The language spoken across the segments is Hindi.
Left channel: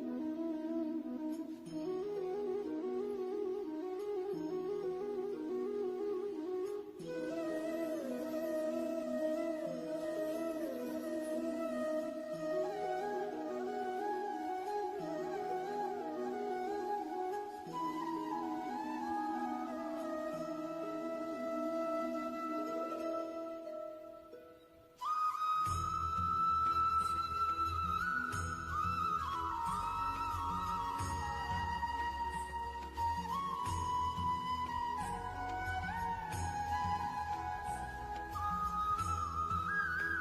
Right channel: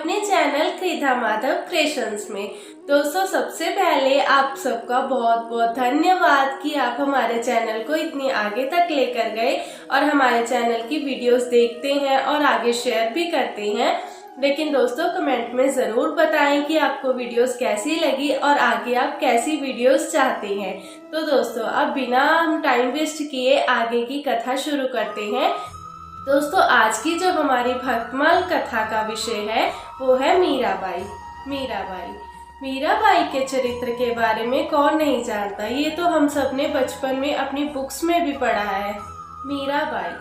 अपने चैनल कृधा माधव क्रिएशंस में। दोस्तों, सबसे पहले आप सबका बहुत बहुत धन्यवाद कि आप हमारे चैनल को इतनी आगे तक लेकर गए और हमारे चैनल की वीडियोस देखते हैं और आगे शेयर भी करते हैं। लेकिन दोस्तों, कमेंट में ज़रूर बताएं कि आपको वीडियोस कैसी लगी और आगे आप कैसी वीडियोस चाहते हैं। तो दोस्तों, अब बिना हम टाइम वेस्ट किए आगे की कथा शुरू करते हैं। दोस्तों, आज की जो हमारी भक्तमाल कथा का विषय है वो है मीराबाई। मीराबाई के चरित्र के बारे में कौन नहीं जानता, ये तो हम सब ने बचपन में अपनी बुक्स में भी पढ़ा है। मीराबाई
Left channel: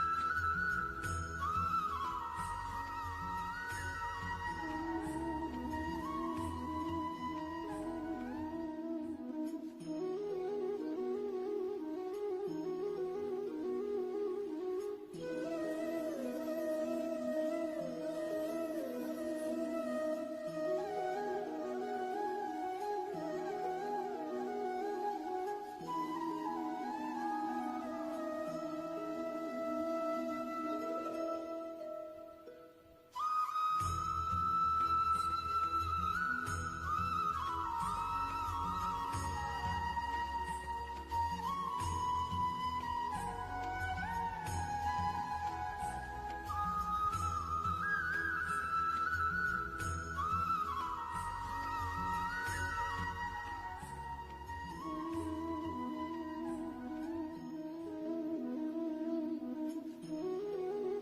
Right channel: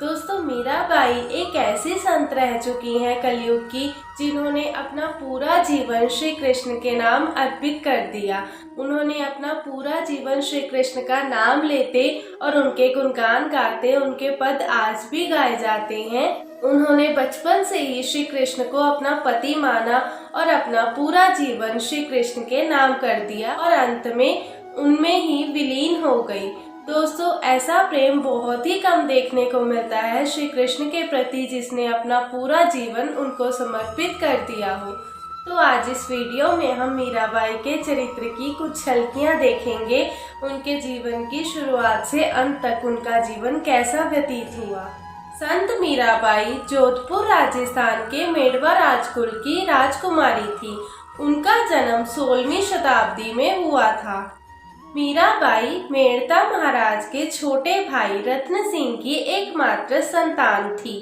दोस्तों, मीराबाई एक ऐसी संत रह चुकी हैं कलयुग की, जिन्होंने अपना पूरा जीवन श्री कृष्ण के नाम अर्पित कर दिया। उन्होंने अपना पूरा जीवन श्री कृष्ण का नाम लेते और उनके गुणगान गाते, उनके पद आज भी गाए जाते हैं। उन्होंने बचपन से ही श्री कृष्ण को अपना पति माना और अपना पूरा जीवन श्री कृष्ण के नाम कर दिया और अंत में उनमें ही विलीन हो गई। दोस्तों, ऐसा प्रेम बहुत ही कम देखने को मिलता है श्री कृष्ण के प्रति, जिसने अपना पूरा जीवन उनको समर्पित कर दिया हो। तो आज इस वीडियो में हम मीराबाई के चरित्र की कुछ झलकियां देखेंगे। उनके जीवन की शुरुआत से अंत तक उनका जीवन कैसा व्यतीत हुआ। संत मीराबाई जोधपुर राजस्थान के मेड़वा राजकुल की राजकुमारी थी। उनका जन्म 16वीं शताब्दी में हुआ था। मीराबाई मेड़ता महाराज के छोटे भाई रत्न सिंह की एकमात्र संतान थी।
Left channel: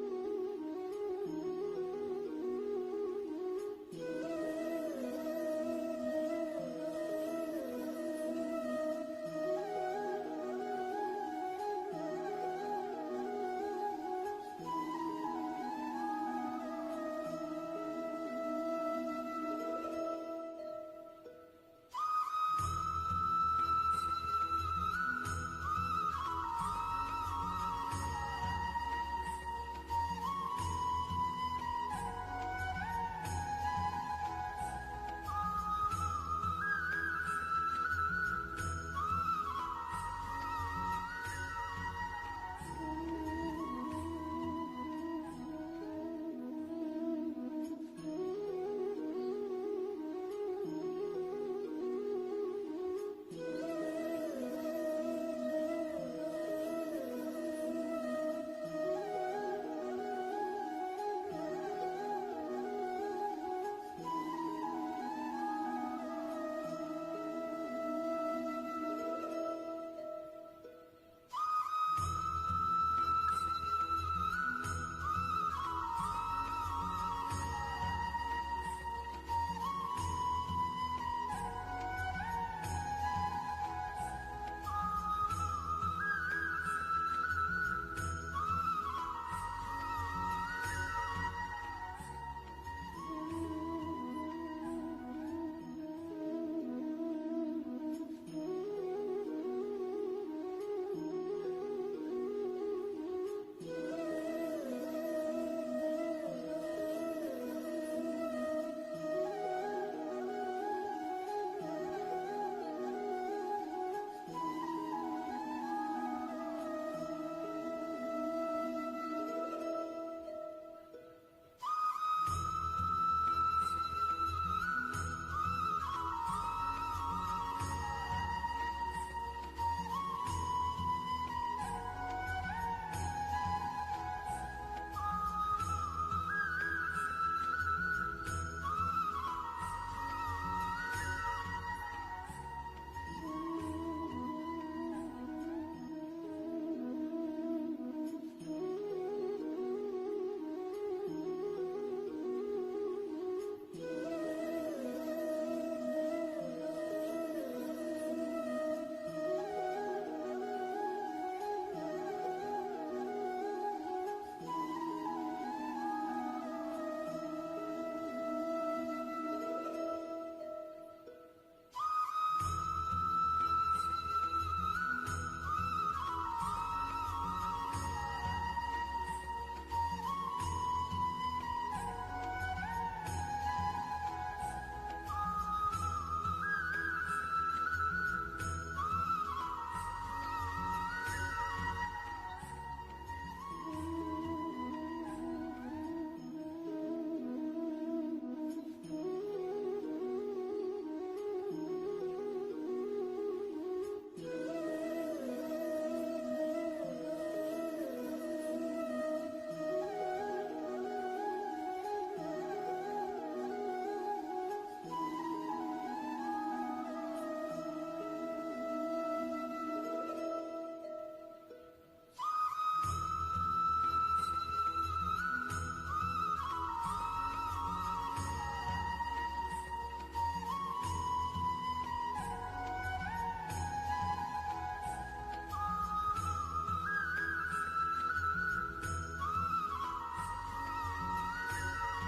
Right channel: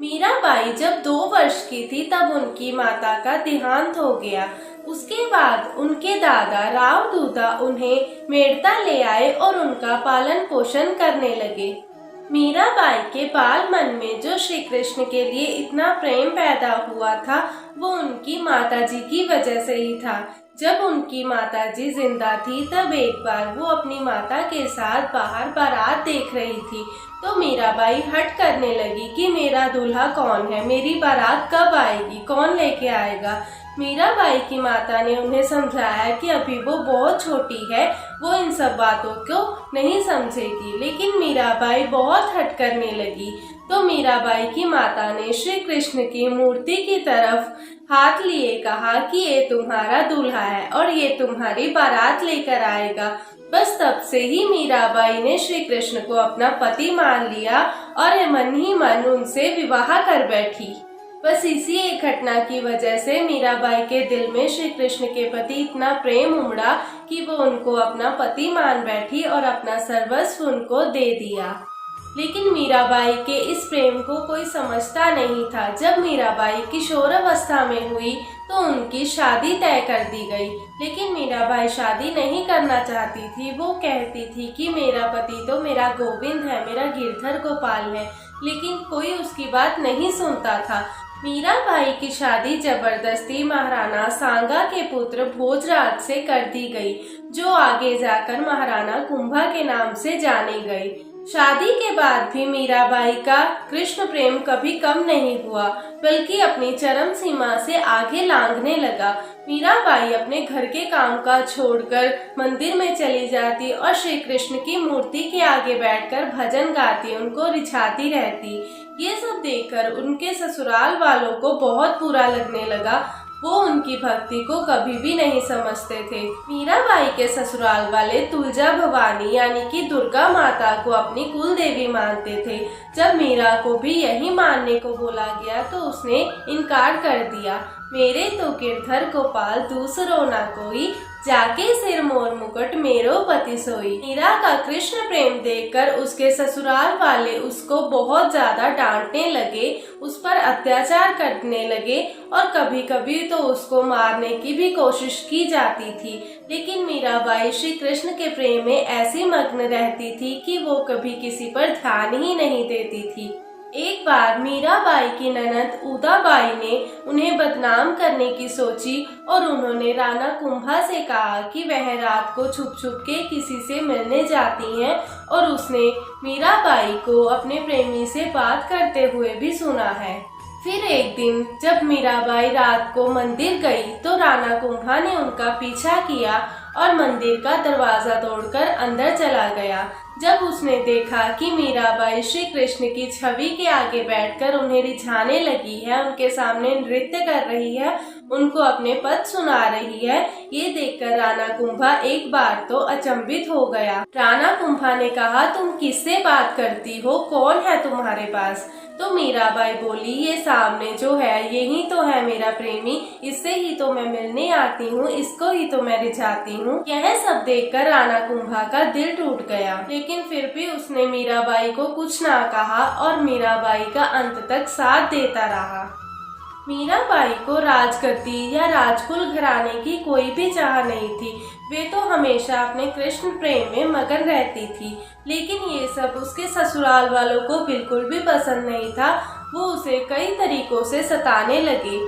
मीराबाई जब 2 वर्ष की थी तब उनकी माता का देहांत हो गया। उसके बाद उनके दादा राव दूधा उन्हें मेड़ता ले आए और उनका पालन पोषण करने लगे। मीराबाई के बाल मन में जो श्री कृष्ण के लिए इतना प्रेम पैदा हुआ था, वो उनकी माताजी की वजह से ही था। जब उनकी माताजी जिंदा थी तब एक बार वो अपनी माता के साथ बाहर बारात देख रही थी, तो मीराबाई हट करने लगी कि मेरा दूल्हा कौन है, मेरी बारात कब आएगी, कौन लेके आएगा। मीराबाई की माता ने उन्हें समझाया कि अभी वो बहुत छोटी है, वो इन सब बातों को नहीं समझेगी। लेकिन मीराबाई बहुत हट करने लगी, तो मीराबाई की माता ने श्री कृष्ण की मूर्ति की तरफ हाथ लिए कहा कि ये तुम्हारा दूल्हा है और ये तुम्हारी बारात लेकर आएगा। बस तब से ही मीराबाई ने श्री कृष्ण को अपना पति मान लिया और मन ही मन उनसे विवाह कर बैठी। बस इसी एक घटना की वजह से मीराबाई के दिल में श्री कृष्ण के प्रति इतना प्रेम उमड़ा कि वो उनको अपना पति मान बैठी और अपना सर्वस्व उनको दे दिया। लेकिन मीराबाई के इस प्रेम को कोई समझता नहीं था। जब मीराबाई किशोरावस्था में हुई तो उनकी शादी तय कर दी गई। लेकिन मीराबाई शादी नहीं करना चाहती थी। वो कहती थी कि मेरा पति तो मेरा गोविंद है, मेरा गिरधर गोपाल है, लेकिन कोई उसकी बात नहीं सुनता था। मीराबाई की शादी जबरदस्ती महाराणा सांगा के पुत्र भोजराज से कर दी गई, जो आगे जाकर महाराणा कुंभा के नाम से जानी गई। शादी के बाद भी मीराबाई का कृष्ण प्रेम कभी कम नहीं हुआ, बल्कि अपनी चरम सीमा से आगे लांघने लगा। मीराबाई अपने घर के काम काज छोड़कर मंदिर में चली जाती और श्री कृष्ण की मूर्ति के आगे बैठकर भजन गाती, उनको रिझाती रहती। ये सब देखकर उनके ससुराल वालों को बहुत बुरा लगने लगा। वो उनकी भक्ति को कभी भी नहीं समझते थे। मीराबाई के ससुराल वाले तुलजा भवानी यानी कि दुर्गा माता को अपनी कुल देवी मानते थे। जब मीरा को भी यही मानने को बोला गया तो उसने इनकार कर दिया। मेरे तो गिरधर गोपाल दूसरो ना कोई, जाके सिर मोर मुकुट मेरो पति सोई। मीरा का कृष्ण प्रेम देखकर उसके ससुराल वाले उसको बहुत ज्यादा डांटने लगे, उस पर अत्याचार करने लगे और कभी कभी तो उसको मारने की भी कोशिश की जाती थी। लेकिन मीराबाई श्री कृष्ण के प्रेम में ऐसी मग्न रहती थी कि वो कभी किसी पर ध्यान ही नहीं देती थी। एक बार मीराबाई की ननद उदाबाई ने उन्हें बदनाम करने की सोची और उन्होंने राणा कुंभा से कहा कि वह रात को छुप छुप के किसी से मिलने जाती हैं और उसने मीराबाई को अपने प्रेमी से बात करते हुए भी सुना है। फिर एक दिन जब मीराबाई रात को मंदिर गई तो राणा कुंभा ने उनका पीछा किया और मंदिर का दरवाजा तोड़कर अंदर चला गया। जब उसने देखा कि मीराबाई श्री कृष्ण की छवि के आगे बैठकर उन्हें रिझाने लगी है, उनके सामने नृत्य कर रही है, उनको अपने पद सुना रही है, ये देखकर राणा कुंभा एक बार तो अचंभित हो गया। राणा कुंभा ने कहा, तुम किससे बात करती हो, कौन है तुम्हारे पास? तो मीराबाई बोली, ये सामने जो है यही तो है मेरा प्रेमी, इससे ही तो मैं मिलने आती हूँ, इसको ही तो मैं रिझाती हूँ। यह सब देखकर राणा कुंभा का दिल टूट गया, लेकिन फिर भी उसने मीराबाई को कुछ ना कहा और मीराबाई का अंत तक साथ देता रहा। मीराबाई को राजगद्दी या राजकुल घराने की कोई भी चाह नहीं थी। वे तो हमेशा अपने कृष्ण प्रेम में मगन रहती थी, लेकिन ये सब उसके ससुराल वालों को बिल्कुल भी पसंद नहीं था। वो उसे कई तरीकों से सताने लगे।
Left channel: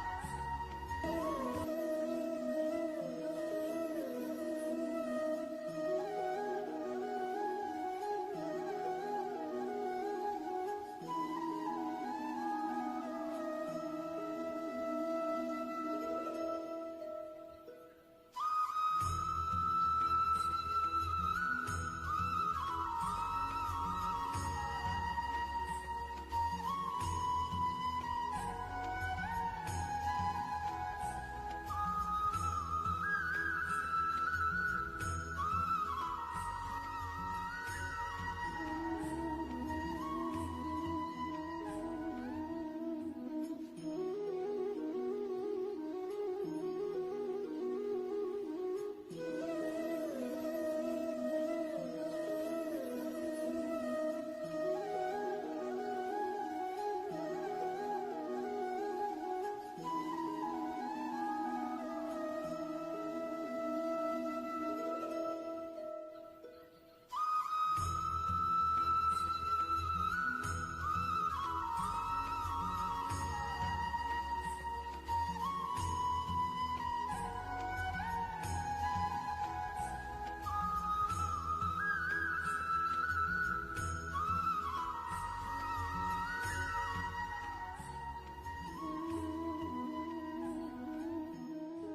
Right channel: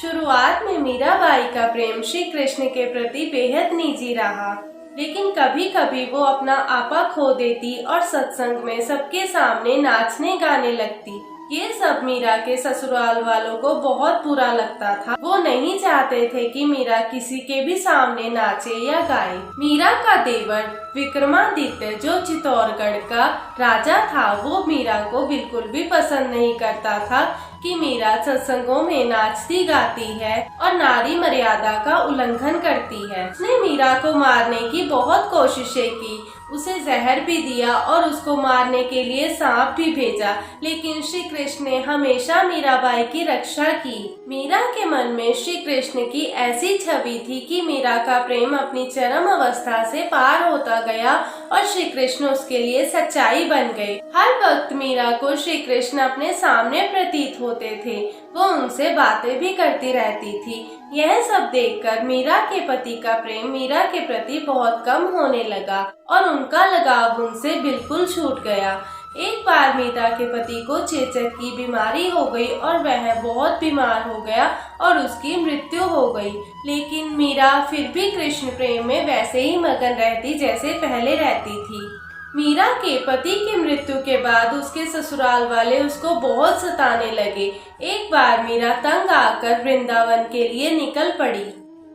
शुरुआत में मीराबाई का प्रेम श्री कृष्ण के प्रति बेहद निजी रहा, लेकिन कभी कभी वो अपना आपा खो देती और सत्संग में सबके सामने नाचने गाने लगती। ये सब मीरा के ससुराल वालों को बहुत बुरा लगता था। वो नहीं चाहते थे कि मीरा किसी के भी सामने नाचे या गाए। मीरा का देवर विक्रमादित्य, जो चित्तौड़गढ़ का राजा था, वो मीरा को बिल्कुल भी पसंद नहीं करता था कि मीरा सत्संगों में नाचती गाती है और नारी मर्यादा का उल्लंघन करती है। उसने मीरा को मारने की बहुत कोशिशें की, उसे जहर भी दिया और उसको मारने के लिए सांप भी भेजा, लेकिन श्री कृष्ण ने हमेशा मीराबाई की रक्षा की। मीरा के मन में श्री कृष्ण की ऐसी छवि थी कि मीरा का प्रेम अपनी चरम अवस्था से पार होता गया और श्री कृष्ण उसके लिए सच्चाई बन गए। हर वक्त मीरा को श्री कृष्ण अपने सामने प्रतीत होते थे, वो उनसे बातें भी करती रहती थी। यह सब देखकर मीरा के पति का प्रेम मीरा के प्रति बहुत कम होने लगा और उनका लगाव उनसे बिल्कुल छूट गया। एक बार मीरा के पति को चेचक की बीमारी हो गई और वह बहुत बीमार हो गया और उसकी मृत्यु हो गई, लेकिन मीरा फिर भी कृष्ण प्रेम में वैसे ही मगन रहती जैसे पहले रहती थी। मीरा के पति की मृत्यु के बाद उसके ससुराल वाले उसको बहुत सताने लगे। एक बार मीरा तंग आकर वृंदावन के लिए निकल पड़ी।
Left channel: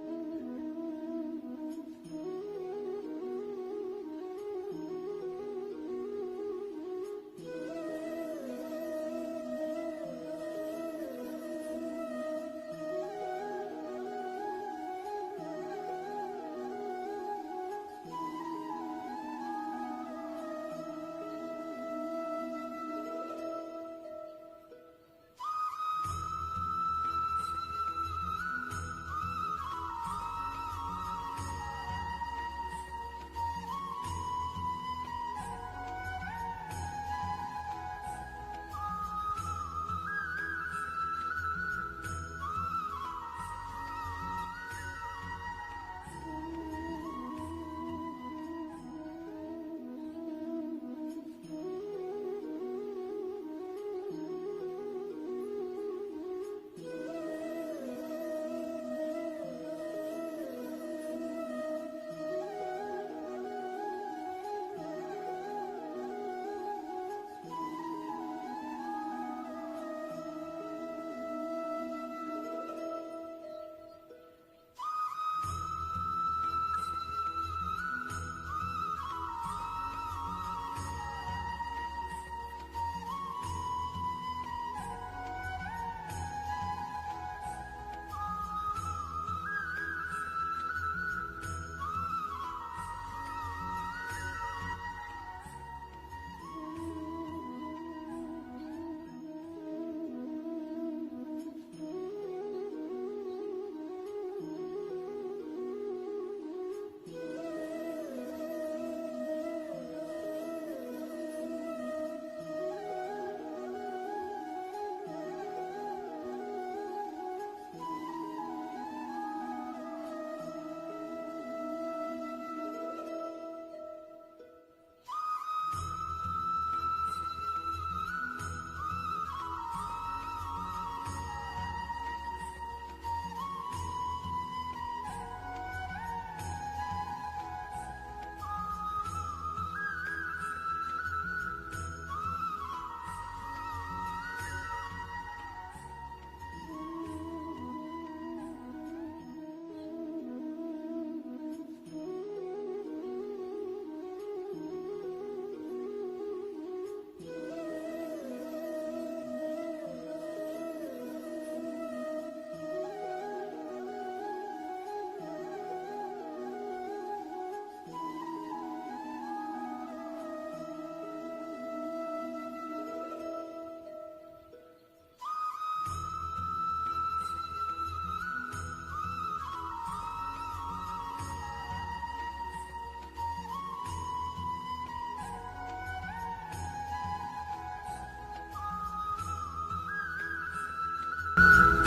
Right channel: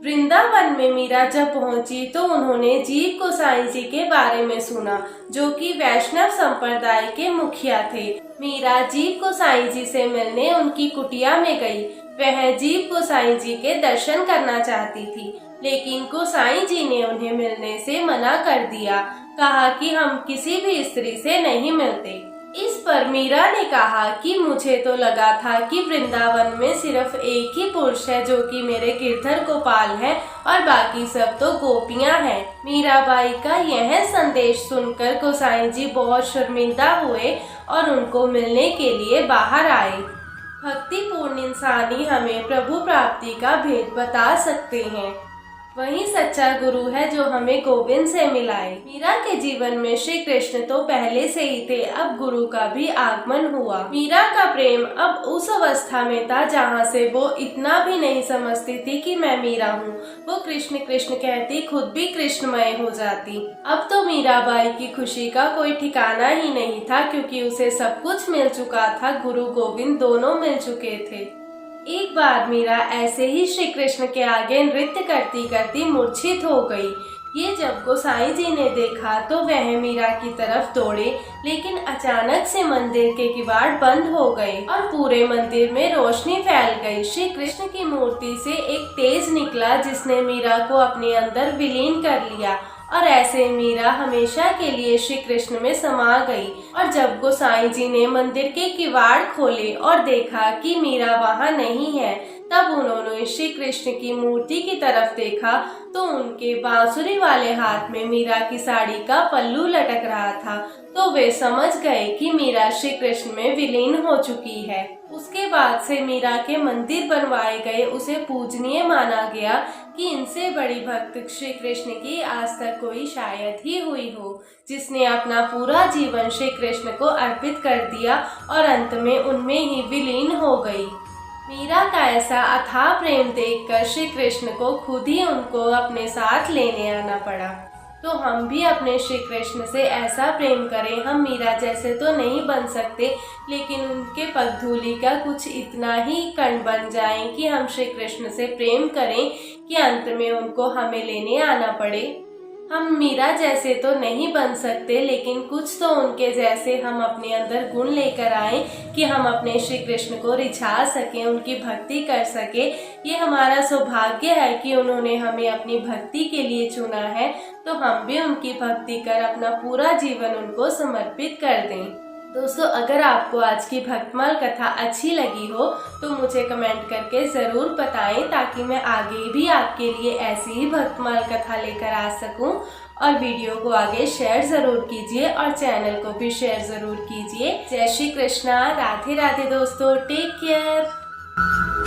वृंदावन में मीरा जब पहुंची तो उन्होंने जीव गोसाई जी के बारे में सुना, जो कि वैष्णव संप्रदाय के मुखिया थे। मीरा जीव गोसाई जी से मिलने उनकी कुटिया में गई। वह जीव गोसाई जी के दर्शन करना चाहती थी, लेकिन गोसाई जी ने उन्हें मिलने से मना कर दिया। कहा कि हम किसी भी स्त्री से नहीं मिलते। इस पर मीरा ने कहा कि मुझे तो लगा था कि वृंदावन में सिर्फ एक ही पुरुष है जो कि मेरे गिरधर गोपाल है और बाकी सब तो गोपियां हैं। मीराबाई का यह संदेश सुनकर गोसाई जी बहुत शर्मिंदा हुए और उनको मिलने के लिए बाहर आए। भक्तिपूर्ण इंसान ही हमें प्रभु प्राप्ति का भेद बता सकते हैं। वही सच्चा गुरु है जो हमें गोविंद से मिलाए। मीरा के जीवन में श्री कृष्ण तो पहले से ही थे, अब गुरु का भी आगमन हुआ। मीरा का प्रेम अब उस अवस्था में था जहाँ से वो इतना भी नहीं समझती थी कि मैं मीरा हूँ। वो कृष्ण कृष्ण कहती खुद भी कृष्णमय हो जाती। अब तो मीराबाई की खुशी का कोई ठिकाना ही नहीं था, क्योंकि उसे सब कुछ मिल चुका था। गुरु गोविंद दोनों मिल चुके थे। एक बार मीरा ऐसे ही श्री कृष्ण के आगे नृत्य करती करती मूर्छित हो गई। ये जब गोसाई जी ने देखा तो वह मीरा की तरफ दौड़े, लेकिन अचानक से मंदिर के किवाड़ बंद हो गए और पूरे मंदिर में रोशनी फैल गई। श्री कृष्ण की मूर्ति से एक तेज निकला जिसने मीरा को अपने अंदर विलीन कर लिया और ऐसे मीरा हमेशा के लिए श्री कृष्ण में समा गई। और जब गोसाई जी ने मंदिर के किवाड़ खोले और देखा कि मीरा वहाँ नहीं है, तब उन्होंने श्री कृष्ण की मूर्ति की तरफ देखा तो उनके बांसुरी वाले हाथ में मीरा की साड़ी का पल्लू लटक रहा था। तो वे समझ गए कि मीरा श्री कृष्ण में विलीन हो चुकी है। उसके बाद से मीरा के मंदिर बनवाए गए, उसे पूजनीय माना गया कि इनसे बड़ी भक्त श्री कृष्ण की आज तक कोई शायद ही हुई हो, जिसने अपना पूरा जीवन श्री कृष्ण को अर्पित कर दिया और अंत में उनमें ही विलीन हो गई। मीरा का ऐसा अथाह प्रेम देखकर श्री कृष्ण को खुद ही उनको अपने साथ लेने आना पड़ा। तो हम भी अपने श्री कृष्ण से ऐसा प्रेम करें। हम मीरा जैसे तो नहीं बन सकते, लेकिन उनके पगधूलि का कुछ इतना ही कण बन जाएं कि हम श्री कृष्ण से प्रेम करें कि अंत में उनको हमें लेने आना पड़े। हम मीरा जैसे तो नहीं बन सकते, लेकिन कुछ तो उनके जैसे हम अपने अंदर गुण लेकर आए कि हम अपने श्री कृष्ण को रिझा सकें, उनकी भक्ति कर सके। ये हमारा सौभाग्य है कि उन्होंने हमें अपनी भक्ति के लिए चुना है, तो हम भी उनकी भक्ति कर अपना पूरा जीवन उनको समर्पित कर दें। दोस्तों, अगर आपको आज की भक्तमाल कथा अच्छी लगी हो तो मुझे कमेंट करके ज़रूर बताएं, ताकि मैं आगे भी आपके लिए ऐसी ही भक्तमाल कथा लेकर आ सकूं। और वीडियो को आगे शेयर ज़रूर कीजिए और चैनल को भी शेयर ज़रूर कीजिए। जय श्री कृष्णा, राधे राधे दोस्तों, टेक केयर।